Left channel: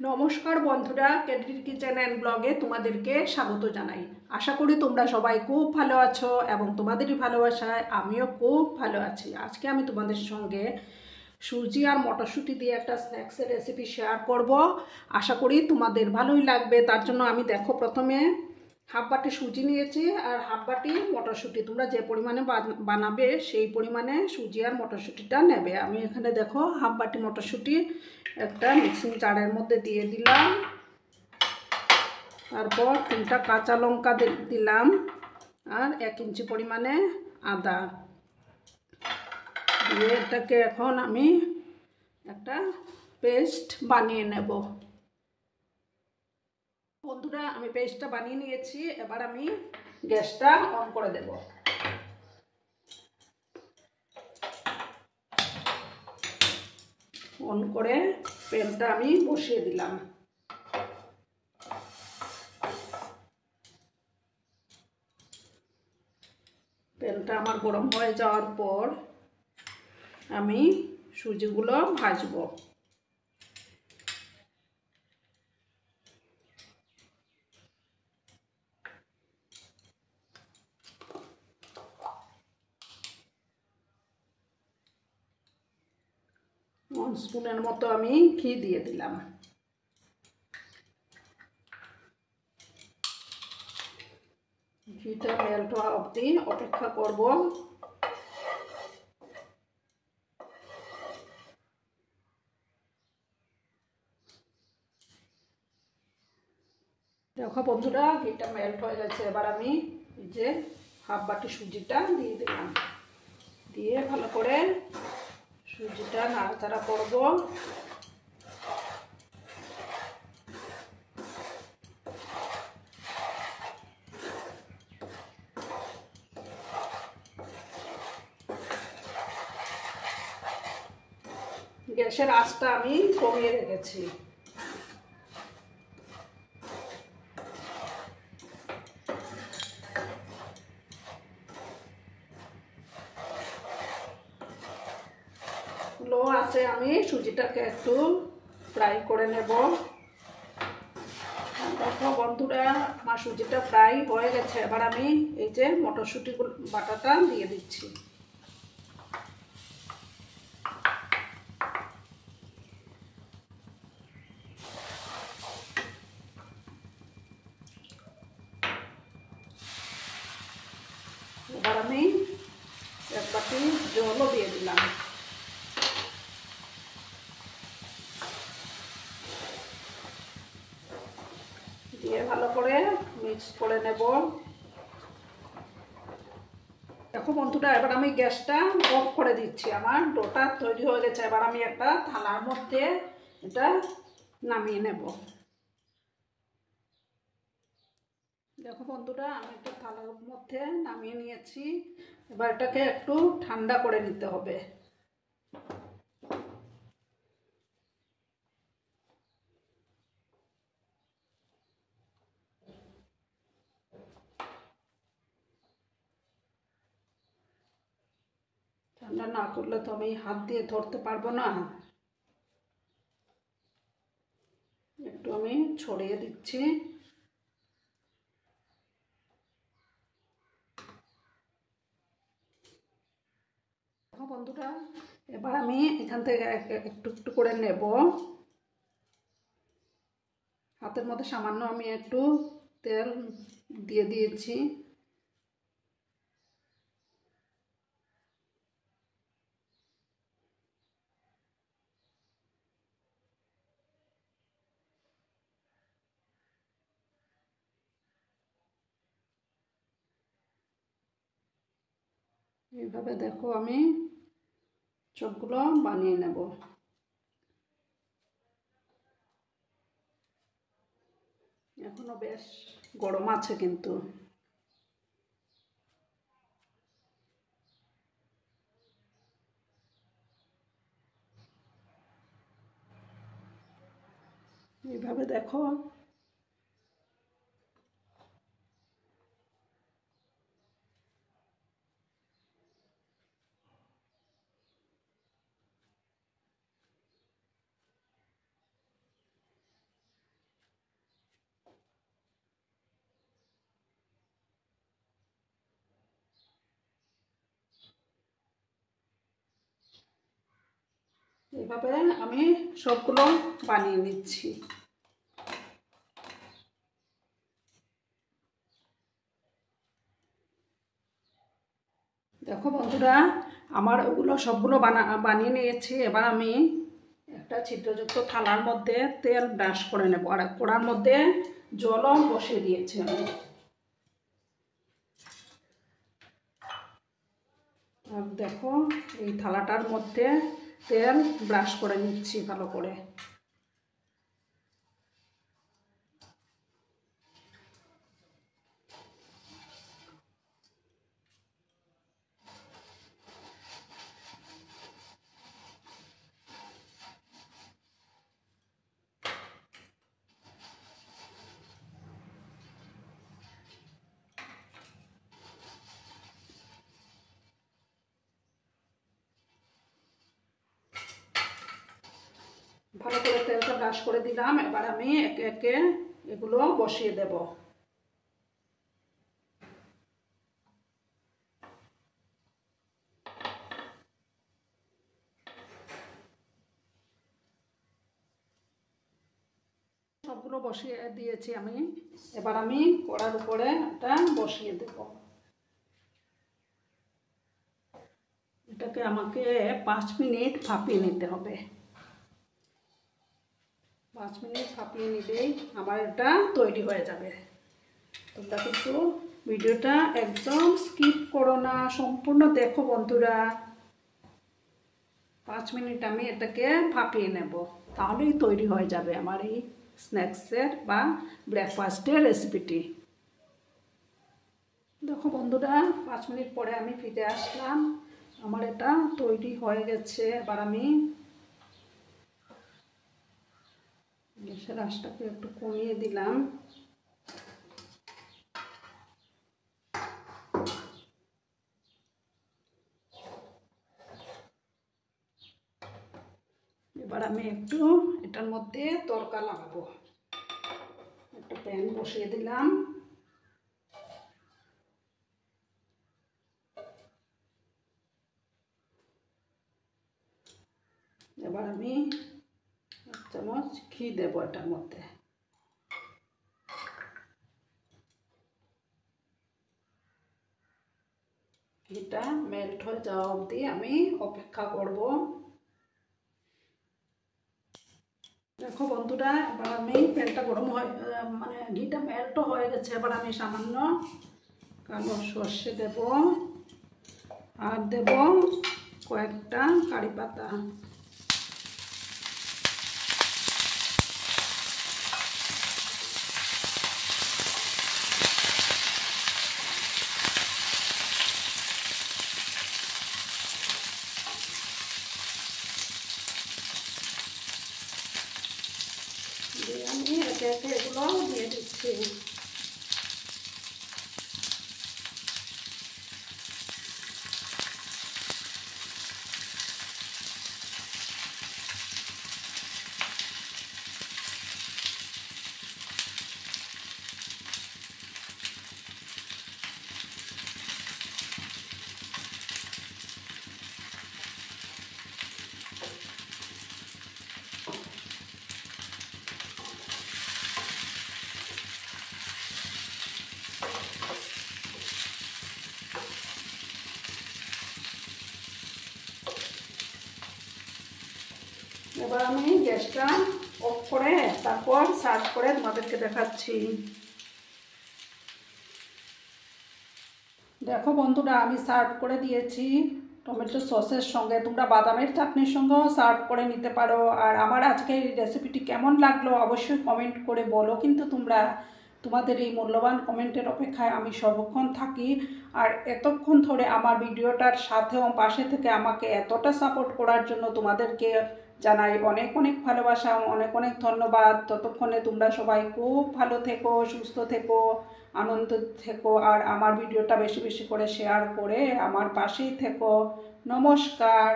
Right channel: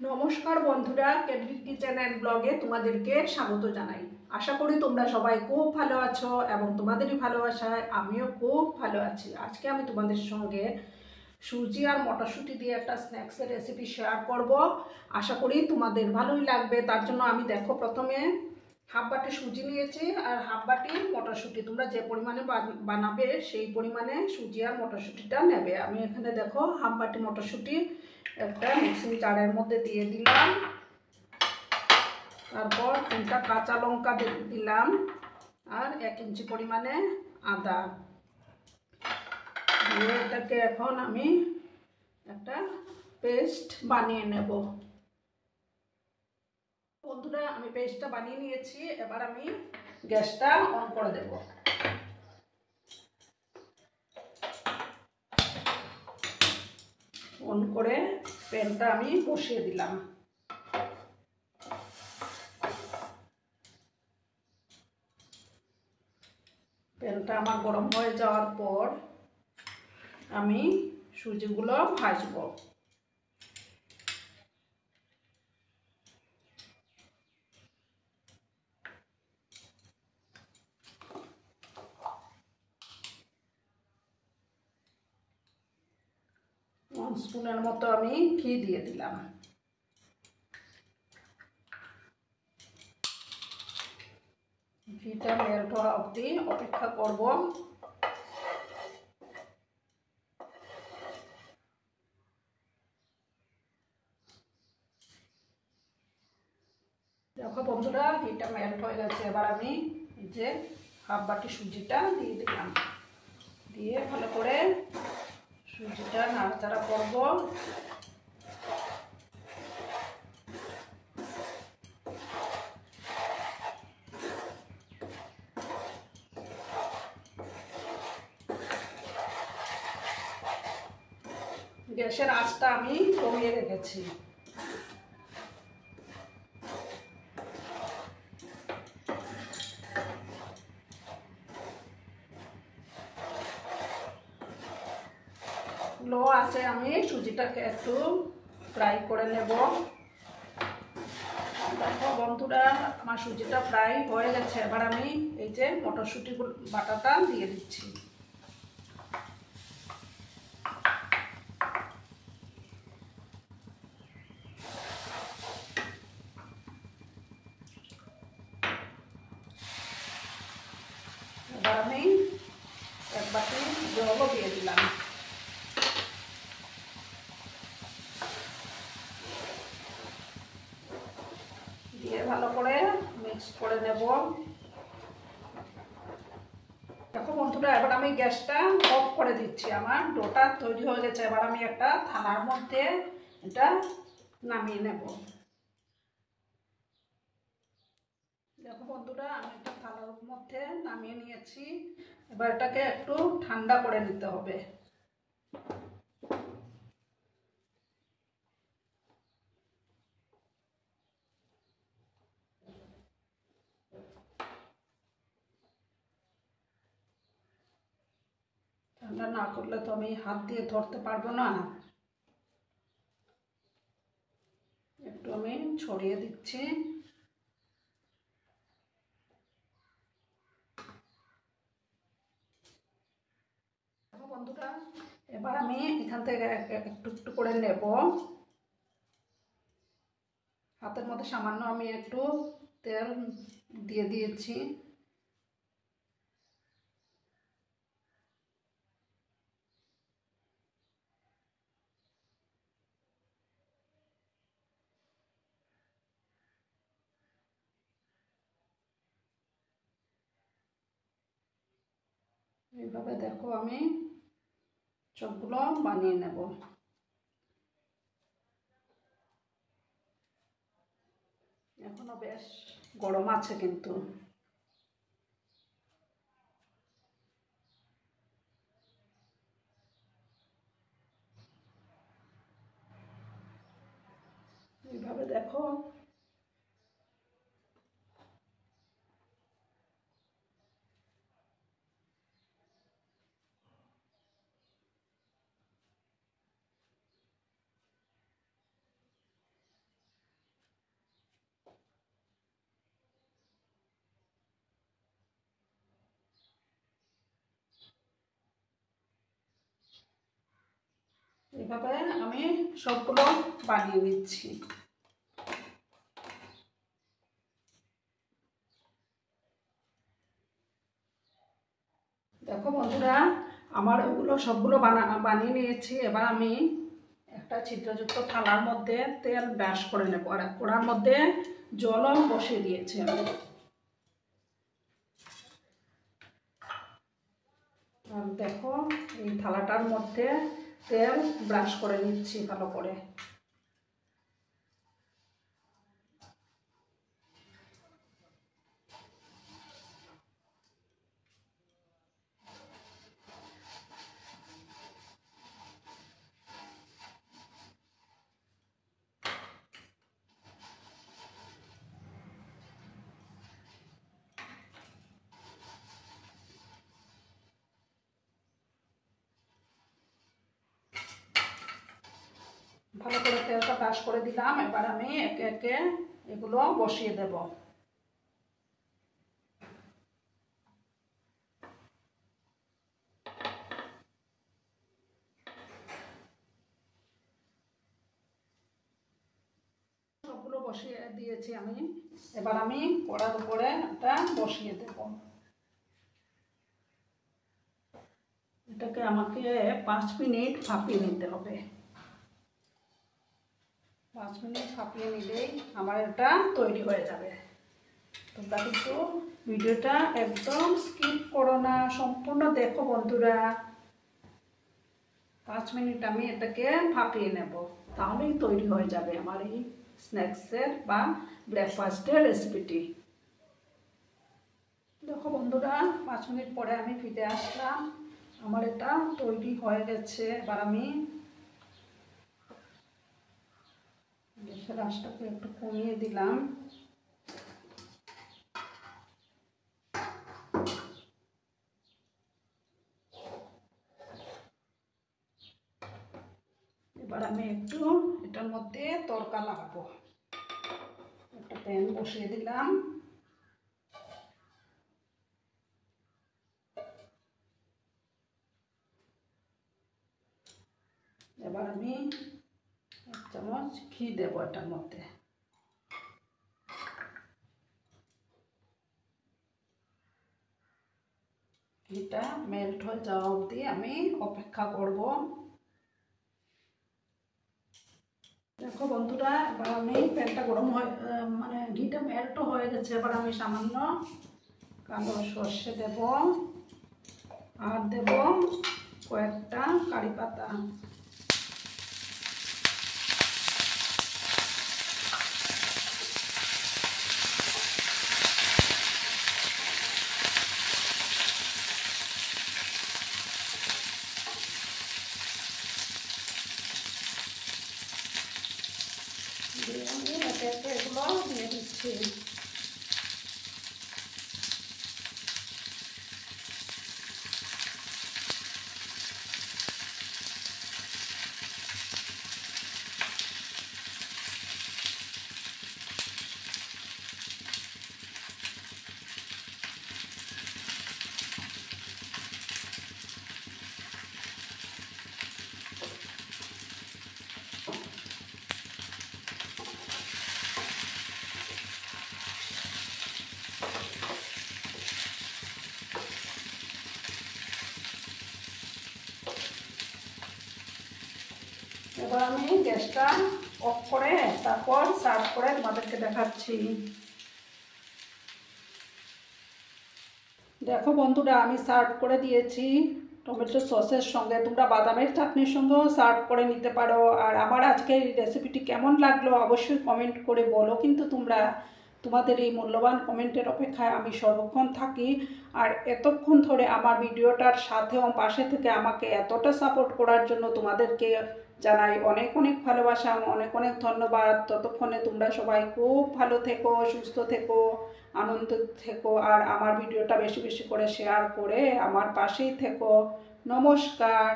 নমস্কার বন্ধুরা, ক্যান্ডির kitchen and ব্লগে তোমাদেরকে স্বাগত জানাই। আশা করি তোমরা সবাই খুব ভালো আছো এবং তোমাদেরই ভালোবাসায় আমিও খুব ভালো আছি। আজকে আমি তোমাদের সঙ্গে সুজি আর মটরশুঁটি দিয়ে একটা স্ন্যাক্সের রেসিপি শেয়ার করব। আশা করি তোমাদের ভালোই লাগবে। তার জন্য আমি দেখো প্রথমে হাফ বাটি সুজি নিয়েছি আর হাফ বাটি মটরশুঁটি। তোমরা যে পরিমাণে বানাবে সেই পরিমাণে সুজি আর মটরশুঁটিটা নেবে। আমি এখানে দেখো হাফ বাটি মটরশুঁটি একটা মিক্সিং জারের মধ্যে দিয়ে দিলাম। তারপর 3টা কাঁচা লঙ্কা দিলাম আর 1 ইঞ্চি পরিমাণে আদা দিয়ে এটাকে এখন আমি একটা পেস্ট বানিয়ে নেব। বন্ধুরা, আমি পেস্টটা বানিয়ে নিয়েছি। এবার আমি গ্যাসটা অন করে দেব। অন করে প্যানটা আমি বসিয়ে দিলাম। প্যানটা আমার গরম হয়ে যাওয়ার পর আমি সুজিগুলো ভাজবো। স্পুনের মতো আমি ঘি দিয়ে দিলাম। ঘিটা মেল্ট হওয়া অবধি অপেক্ষা করব। দেখো বন্ধুরা, ঘিটা মেল্ট হয়ে গেছে। এবার আমি এই যে হাফ বাটি সুজিটা দিয়ে দিলাম। দিয়ে ভালো করে সুজিটা নাড়াচাড়া করব। গ্যাসের আঁচটা আমি কমিয়ে রেখেছি। লো আছে, আমি সুজিটাকে একটু ফ্রাই করে নেব। দেখো বন্ধুরা, আমার সুজিটা ফ্রাই হয়ে গেছে। এবার আমি এই যে মটরশুঁটি বাটাটা দিয়ে দিচ্ছি। এবার আমি 1 বাটি জলও দিয়ে দিলাম। দিয়ে ভালো করে মিক্স করে নেব। দেখো বন্ধুরা, এবার আমি গ্যাসটা অফ করে দিচ্ছি। আমার ডোটা তৈরি হয়ে গেছে। এবার আমি একটা থালার মধ্যে এটা নামিয়ে নেব। দেখো বন্ধুরা, আমি একটা থালার মধ্যে নামিয়ে নিয়েছি। এবার এটাকে একটু ঠান্ডা করে নিতে হবে। ঠান্ডা না করলে তো আমি হাত দিয়ে ধরতে পারবো না। একটু আমি ছড়িয়ে দিচ্ছি। বন্ধুরা, এবার আমি এখান থেকে একটু একটু করে নেব। হাতের মধ্যে সামান্য আমি একটু তেল দিয়ে দিয়েছি। এইভাবে দেখো আমি সবগুলো বানিয়ে নেব। এখনো বেশ গরম আছে কিন্তু। এইভাবে দেখো। এভাবে আমি সবগুলো বানিয়ে নিচ্ছি। দেখো বন্ধুরা, আমার ওগুলো সবগুলো বানিয়ে নিয়েছি। এবার আমি একটা ছিদ্রযুক্ত থালার মধ্যে তেল ব্রাশ করে নেব, আর কড়ার মধ্যে জলও বসিয়ে দিয়েছি আমি। আর দেখো, এই থালাটার মধ্যে তেল ব্রাশ করে নিচ্ছি ভালো করে। ভালো করে তেলটা ব্রাশ করে দিলাম। এবার আমি একে একে এগুলো বসিয়ে দেব। সবগুলো বসিয়ে দিয়েছি আমি। এবার আমি কড়ার উপরে এটা বসিয়ে দেব। এটাকে আমাকে 5 মিনিট ভাপিয়ে নিতে হবে। 5 মিনিট ভাপিয়ে নিলেই আমার এটা তৈরি হয়ে যাবে। তোমরা কিন্তু ভিডিওটা একদম স্কিপ করো না, সম্পূর্ণ দেখো বন্ধুরা। 5 মিনিট আমি এটাকে ভাপিয়ে নেব, তাহলেই তৈরি হয়ে যাবে আমার এই স্ন্যাক্সের বা ব্রেকফাস্টের রেসিপিটি। দেখো বন্ধুরা, 5 মিনিট পরে আমি ফিরে আসলাম। আমার এটা তৈরি হয়ে গেছে। এবার আমি গ্যাসের আঁচটাকে একটু কমিয়ে দিলাম। এবার আমি একটু এটার মধ্যে তড়কা লাগাবো। একটা প্যান বসিয়ে দিলাম। এবার আমি 1 চামচ ঘি দেব এটার মধ্যে। ঘিটা মেল্ট হয়ে যাওয়া অবধি আমি অপেক্ষা করব। দেখো বন্ধুরা, এবার আমি প্যানটা গরম হয়ে মানে ঘিটা মেল্টও হয়ে গেছে। এবার আমি সামান্য কালো সর্ষে দেব, আর দেব কয়েকটা কারি পাতা। দিয়ে আমি একে একে এগুলো দিয়ে দিচ্ছি। এবার আমি গ্যাসটা অফ করে তারপর সার্ভ করে তোমাদেরকে দেখাচ্ছি। দেখো বন্ধুরা, আমি সার্ভ করে দিয়েছি টমেটো সসের সঙ্গে। তোমরা বাদামের চাটনির সঙ্গেও সার্ভ করে নিতে পারো। আর আমার আজকের এই রেসিপিটি কেমন লাগলো অবশ্যই কমেন্ট করে বলো। কিন্তু তোমরা তোমাদের এই মূল্যবান কমেন্টের অপেক্ষায় আমি সর্বক্ষণ থাকি। আর এতক্ষণ ধরে আমার ভিডিওটার সাথেও পাশে থেকে আমাকে এতটা সাপোর্ট করার জন্য তোমাদেরকে জানাই অনেক অনেক ভালোবাসা, অনেক অনেক ধন্যবাদ। ততক্ষণে তোমরা সবাই খুব ভালো থেকো, সুস্থ থেকো, আনন্দ থেকো। আর আমার ভিডিওটা বেশি বেশি করে শেয়ার করে আমার পাশেই থেকো। নমস্কার।